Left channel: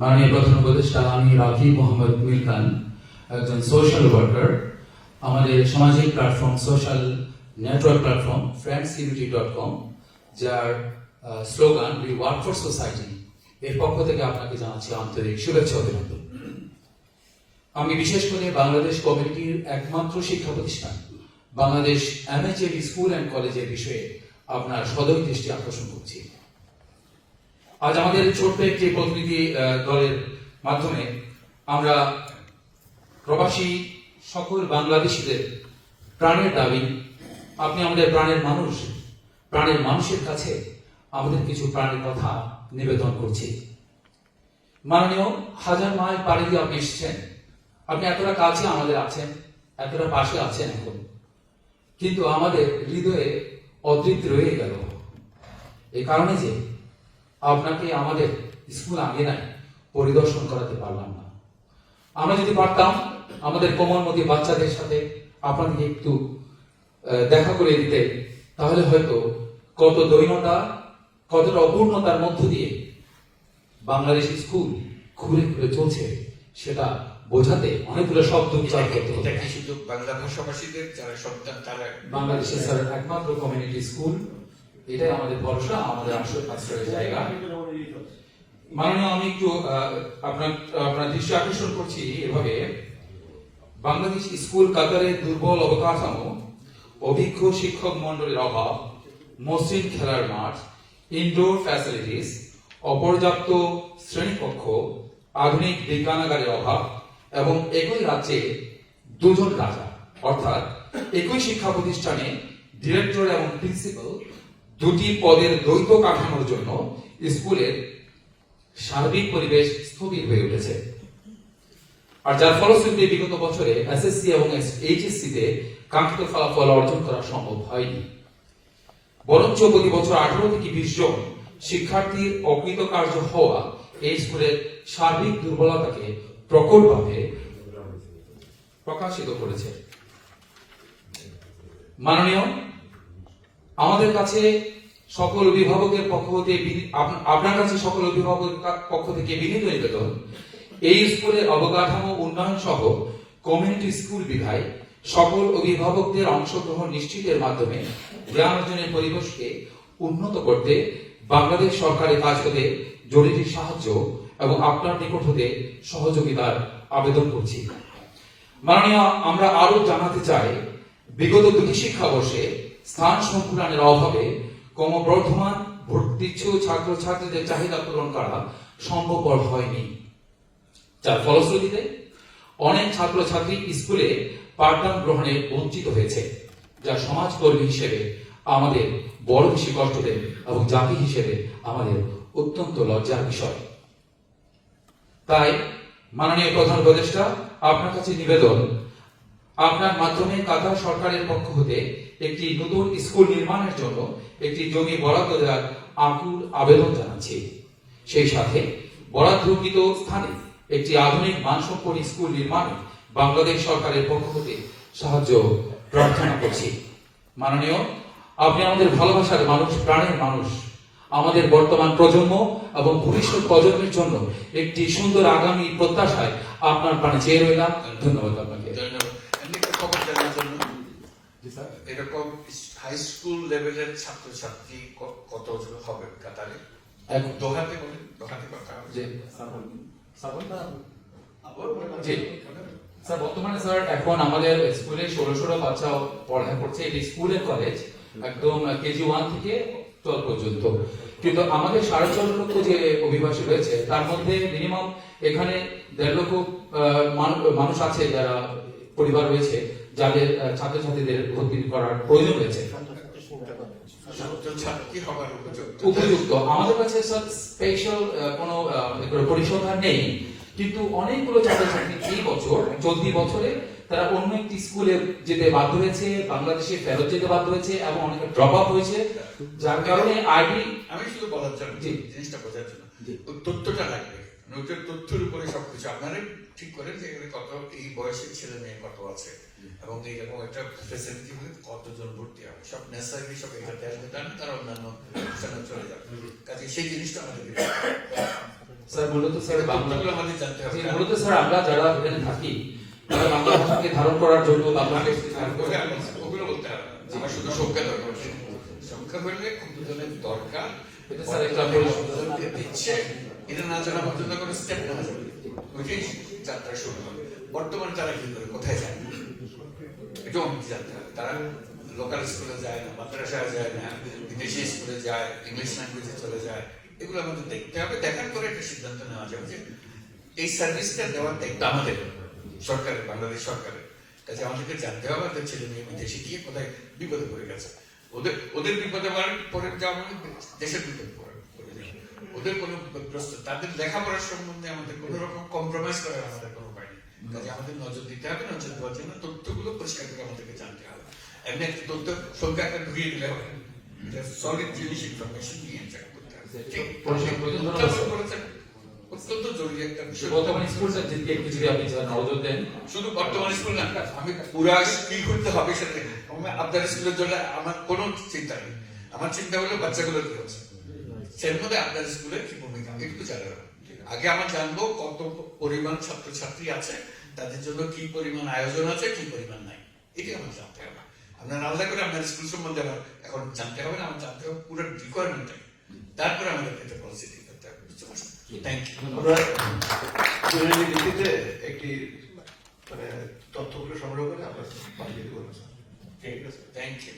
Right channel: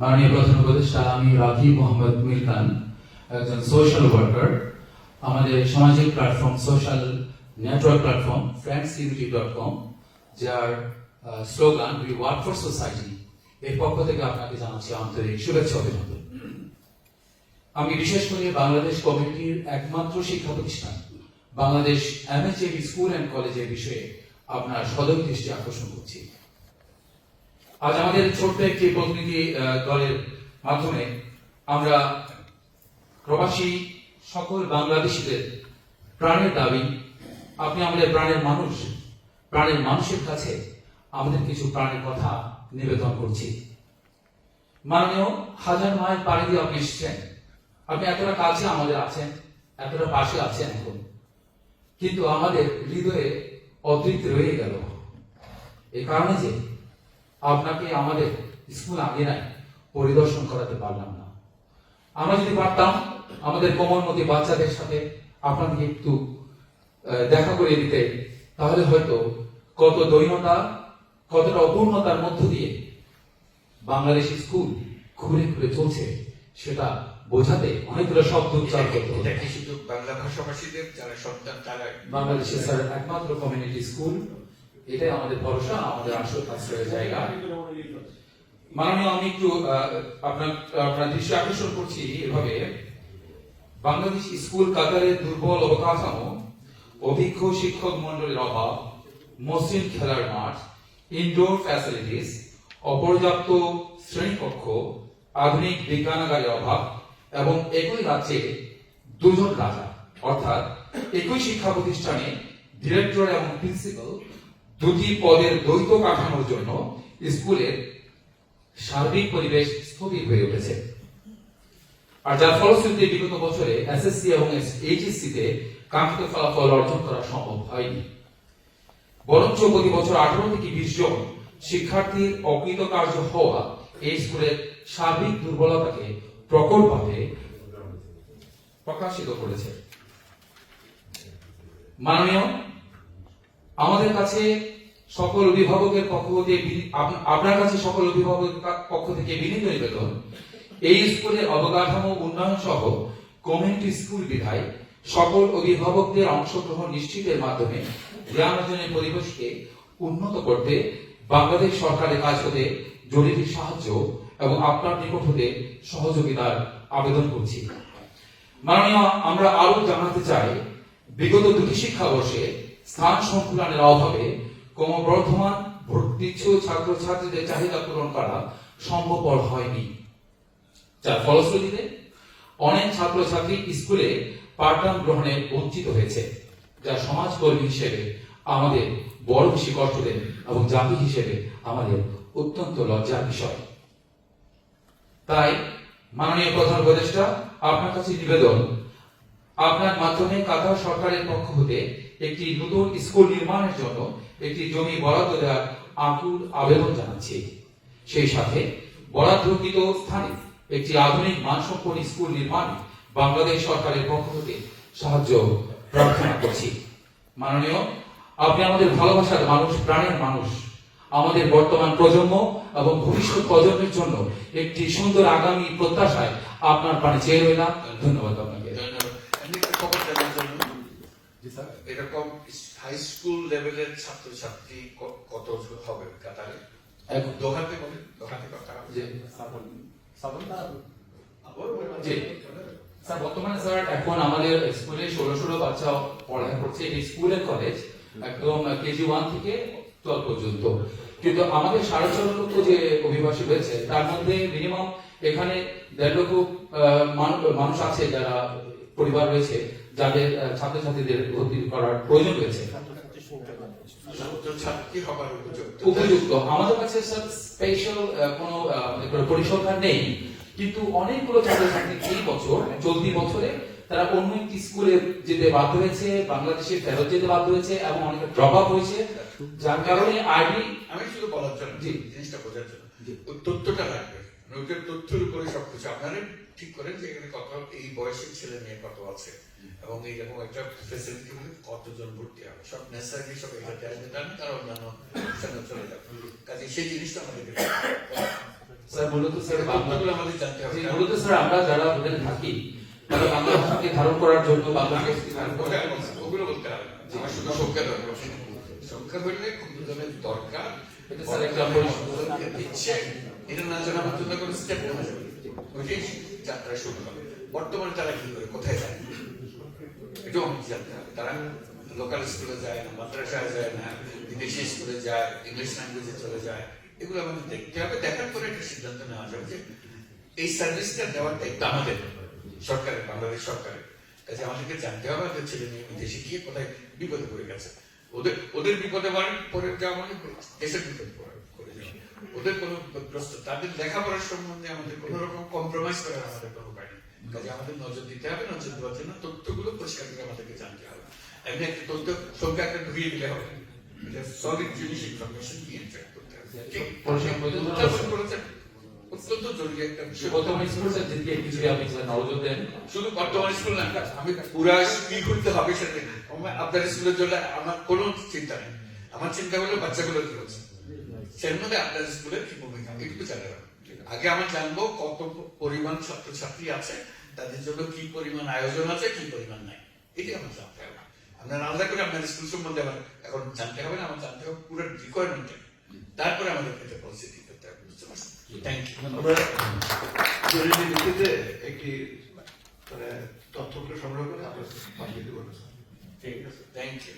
মাননীয় প্রধান উপদেষ্টা আমি মোহাম্মদ মির খান, একজন সোশ্যাল ওয়ার্কার আমাদের সামাজিক platform social network platform friends unity dot com যার slogan we work for society এর পক্ষ থেকে আপনাকে জানাচ্ছি আন্তরিক শুভেচ্ছা অভিনন্দন। আমি বিশেষ করে বাংলাদেশ কমিউনিটির একমাত্র শিক্ষা প্রতিষ্ঠান, বাংলাদেশ এমএচএড স্কুল অ্যান্ড কলেজের বিষয়ে আপনার সদয় দৃষ্টি আকর্ষণ করছি। আজ আমাদের ছোট্ট একটি প্রতিনিধি দলের মাধ্যমে আমরা প্রবাসী সকল বাংলাদেশিদের প্রাণের দাবি, আপনি আমাদের প্রাণের মানুষ, প্রাণের মানুষের কাছে আমাদের কিছু প্রাণের কথা নিবেদন করছি। মাননীয় হাজার মায়ের পাড়ি দিয়ে আপনি এসেছেন। আপনি এতটা কাছে আমাদের আছেন, এতটা পাশে আছেন এখন। কিন্তু আমাদের হৃদয়ে অদৃত রয়ে গেল। এই কারণে যে আপনাকে আমাদের স্কুল আঙ্গিনায় পরিদর্শন করাতে পারলাম না। আমরা যদি পারতাম আমাদের কোমলমতি বাচ্চাদের সাথে আপনাকে একটু দেখা করে দিতে তাহলে হয়তো কত দৈনতা কতটা অপূর্ণতার মধ্য দিয়ে বাংলাদেশ স্কুল ঘুরে ঘুরে চলছে সেটা বোঝাতে অনেকগুলো শব্দ উচ্চারণ করতে হতো এটা বাংলা ভাষাভাষীদের যারা সন্তান তারা বাংলাদেশের একমাত্র কমিউনিটি স্কুল এটাই আমাদের ভরসা আমাদের আশ্রয়ের জায়গা। মাননীয় আমি একটু আপনার আপনার দৃষ্টি আকর্ষণ করছি এভাবে। বাংলাদেশ স্কুল কাতারের দুর্বল অবকাঠামো অভিজ্ঞ শিক্ষক মন্ডলের অভাব মসৃণ খেলার মাঠ ইনডোর ফ্যাসিলিটিস অপর্যাপ্ত শ্রেণীকক্ষ আধুনিক বিজ্ঞানাগারের অভাব এবং একই রাজ্যে দুজন রাজা। অর্থাৎ একই শিক্ষা প্রতিষ্ঠানে ডিরেক্টর এবং প্রিন্সিপাল দুটি পদের দ্বৈত কাঠামোর জন্য স্কুলের সার্বিক পরিবেশ স্থবির হয়ে উঠেছে। আর যার ফলশ্রুতিতে বিগত বছরে এসএসসি এবং এইচএসসি তে কাঙ্ক্ষিত ফলাফল অর্জন করা সম্ভব হয়নি। বরঞ্চ প্রতি বছর আঠারো থেকে বিশ জন শিক্ষার্থীর অকৃতকার্য হওয়া এই স্কুলের সার্বিক দুর্বলতাকে প্রকটভাবে প্রকাশিত করেছে। মাননীয় আমাদের কাছে সকল অভিভাবকের পক্ষ থেকে আপনার কাছে সকল অভিভাবকের পক্ষ থেকে বিনীত নিবেদন এই স্কুলের অবকাঠামো উন্নয়ন সহ কমিউনিটি স্কুল বিভাগ সকল অভিভাবকদের অংশগ্রহণ নিশ্চিতের মাধ্যমে জ্ঞান অর্জনের পরিবেশকে উন্নত করতে বাংলাদেশ সরকারের কাজ হতে জরুরি সাহায্য এবং আপনার নিকট হতে সহযোগিতার আবেদন করছি। মাননীয়, আমরা আরও জানাতে চাই, বিগত দুটি শিক্ষাবর্ষে স্থান সংকুলনের অভাবে ক্রমবর্ধমান ভর্তিচ্ছু ছাত্রছাত্রীদের চাহিদা পূরণ করা সম্ভবপর হয়নি। যার ফলশ্রুতিতে অনেক ছাত্রছাত্রী স্কুলে পাঠদান গ্রহণে বঞ্চিত হয়েছে, যা সমাজকর্মী হিসেবে আমাদের বড় বেশি কষ্ট দেয় এবং জাতি হিসেবে আমাদের অত্যন্ত লজ্জার বিষয়। তাই মাননীয় প্রধান উপদেষ্টা, আপনার কাছে নিবেদন আপনার মাধ্যমে কাতার সরকারের পক্ষ হতে একটি নতুন স্কুল নির্মাণের জন্য একটি জমি বরাদ্দ দেওয়ার আকুল আবেদন জানাচ্ছি। সেই সাথে বরাদ্দকৃত স্থানে একটি আধুনিক মানসম্পন্ন স্কুল নির্মাণে বাংলাদেশ সরকারের পক্ষ হতে সাহায্য প্রার্থনা করছি। মাননীয়, আপনি আমাদের ভালোবাসার মানুষ, প্রাণের মানুষ। আমাদের বর্তমান প্রজন্ম এবং ভবিষ্যৎ প্রজন্মের জন্য একটি সুন্দর আগামী প্রত্যাশায় আপনার প্রাণে চেয়ে রইলাম। ধন্যবাদ আপনাকে ধন্যবাদ এমনি একটা খবর জানার জন্য জি স্যার এরকম হাই স্কুল লেভেলের ছাত্রছাত্রী কত হবে কাতারে? এখন। দোহাতে বলে দোহাতে কথা হবে। জি। স্যার বর্তমানে স্যার এখন আমাদের স্কুলে ষোলো ষোলো বাচ্চা পড়ালেখা করছে। এটি স্কুলের কলেজ একদম কেজি ওয়ান থেকে টুয়েলভ পর্যন্ত। কিন্তু আমাদের সাড়ে ছয় লক্ষ যে অভিবাসী রয়েছে তার মধ্যে মিনিমাম এখানে দেড় লক্ষ আহ, মানুষ আছে যারা পরিবার রয়েছে। যাদের ছাত্রছাত্রীদের ভর্তি করার প্রয়োজন রয়েছে। উপযুক্ত। আমাদের কাছে স্পেশাল কোনো পরিসংখ্যান নেই। কিন্তু অনেকগুলো ছাত্রছাত্রী এই বছর চলতি বছরে তারা অন্য একটি স্কুলে যেতে বাধ্য হয়েছে বাংলাদেশে ফেরত যেতে বাধ্য হয়েছে এবং অনেকে ড্রপ আপ হয়েছে। যার কারণে আইডি আমি শুধু বলার জন্য। জিনিসটা বোঝার জন্য। তথ্যটা লাগবে। ওটার তথ্যের উপরে সবকিছু। আপনারা ঠিক করেন যে এখানে কত এই বয়সের ছেলে মেয়ে কত আছে এবং এইরকম একটা ফেসিলিটি হলে কতজন ভর্তি হবে। সব নেসারি সব এটাতে আসবে না তারা অন্যান্য অনুষ্ঠানে চলে যাবে। কাজে সেই জিনিসটা আমাদের স্যার মূলত স্যার বাংলা তথ্যগুলো আমাদের জানতে হবে। মূলত স্যার আমরা যারা হোটেল থাকি ভাষাকে ধারণ করার জন্য বাংলাকে ওগুলো আমি- ওগুলো বলতে হবে। আমার শুধু সংখ্যা দরকার সংখ্যা বললে কতজনের দরকার? এটা স্যার। কতজনকে দিচ্ছে? এটা না জানা পর্যন্ত কোনো স্টেপ নেওয়া যাবে না। ওইটাই যাত্রা শুরু হবে। বর্তমানে তারা কি করে? কোথায় যায়? এটাও আমাকে জানতে হবে। তারা লোকাল স্কুলে যায় না, মাদ্রাসায় যায় না, বিদেশি স্কুলে যায় ইংলিশ ল্যাঙ্গুয়েজে চলে যায়। এগুলো আমাদের দেখতে হবে। দেখার পরে একটা সিদ্ধান্ত নেওয়া যাবে যে এই সার্ভিসটা দেওয়ার দায়িত্ব আমাদের সরকারের, বাংলাদেশ সরকারের। কাজে আমাদেরকে জানতে হবে ওদের ছেলে মেয়ে বিদেশে গিয়ে কোথায় বিপদে পড়ে গেছে। ওদের ওদের বিপদে পরে যাওয়া মানে দেশের বিপদে পড়ে পড়ে। ওদের কোনো প্রশ্ন তাদের লেখাপড়ার সম্বন্ধে আমাদের কোনো রকম কম্প্রোমাইজ করার আমাদের কোনো উপায় নেই। কাজে আমাদের নজর দিতে হবে নজর দেওয়ার জন্য তথ্যগুলো পরিষ্কার করে আমাদেরকে জানতে হবে। এমনি একটা তথ্য সংখ্যা একটা ঢুকিয়ে দিলে হবে। সলিড জিনিস ইনফরমেশন দিয়ে চেক করতে হবে। অত্যন্ত জরুরি একটা বিষয়। বর্তমান স্কুল স্যার যেদিকে একটু যদি আপনি নজর দেন। শুধু বর্তমান স্কুল না আমি পুরা করতে হবে সেটা আপনার স্কুলের জন্য আমার কোনো চিন্তা নেই। আমার চিন্তা হলো বাচ্চাগুলো কি হচ্ছে সের মধ্যে আপনার কি ভূমিকা একটু জানা আগে আমার জানব কত পরিমাণ ছাত্রছাত্রী আছে তাদের জন্য কি পরিমাণ আয়োজন আছে কি পরিমাণ নাই। এটি আমার জানতে হবে। আপনার আলাদা করে আপনার স্কুল সম্বন্ধে আমার এখন জানতে হবে না আমার জানতে হবে পুরো রিকোয়ারমেন্টটা তারপরে আমাদের একটা পলিসি ঠিক করতে হবে বুঝতে পারছেন? থ্যাংক ইউ আমরা ভিত্তিতে একটি মানে তথ্যগুলো সংগ্রহ করে আমরা পাঠিয়ে দেবো। ঠিক আছে থ্যাংক ইউ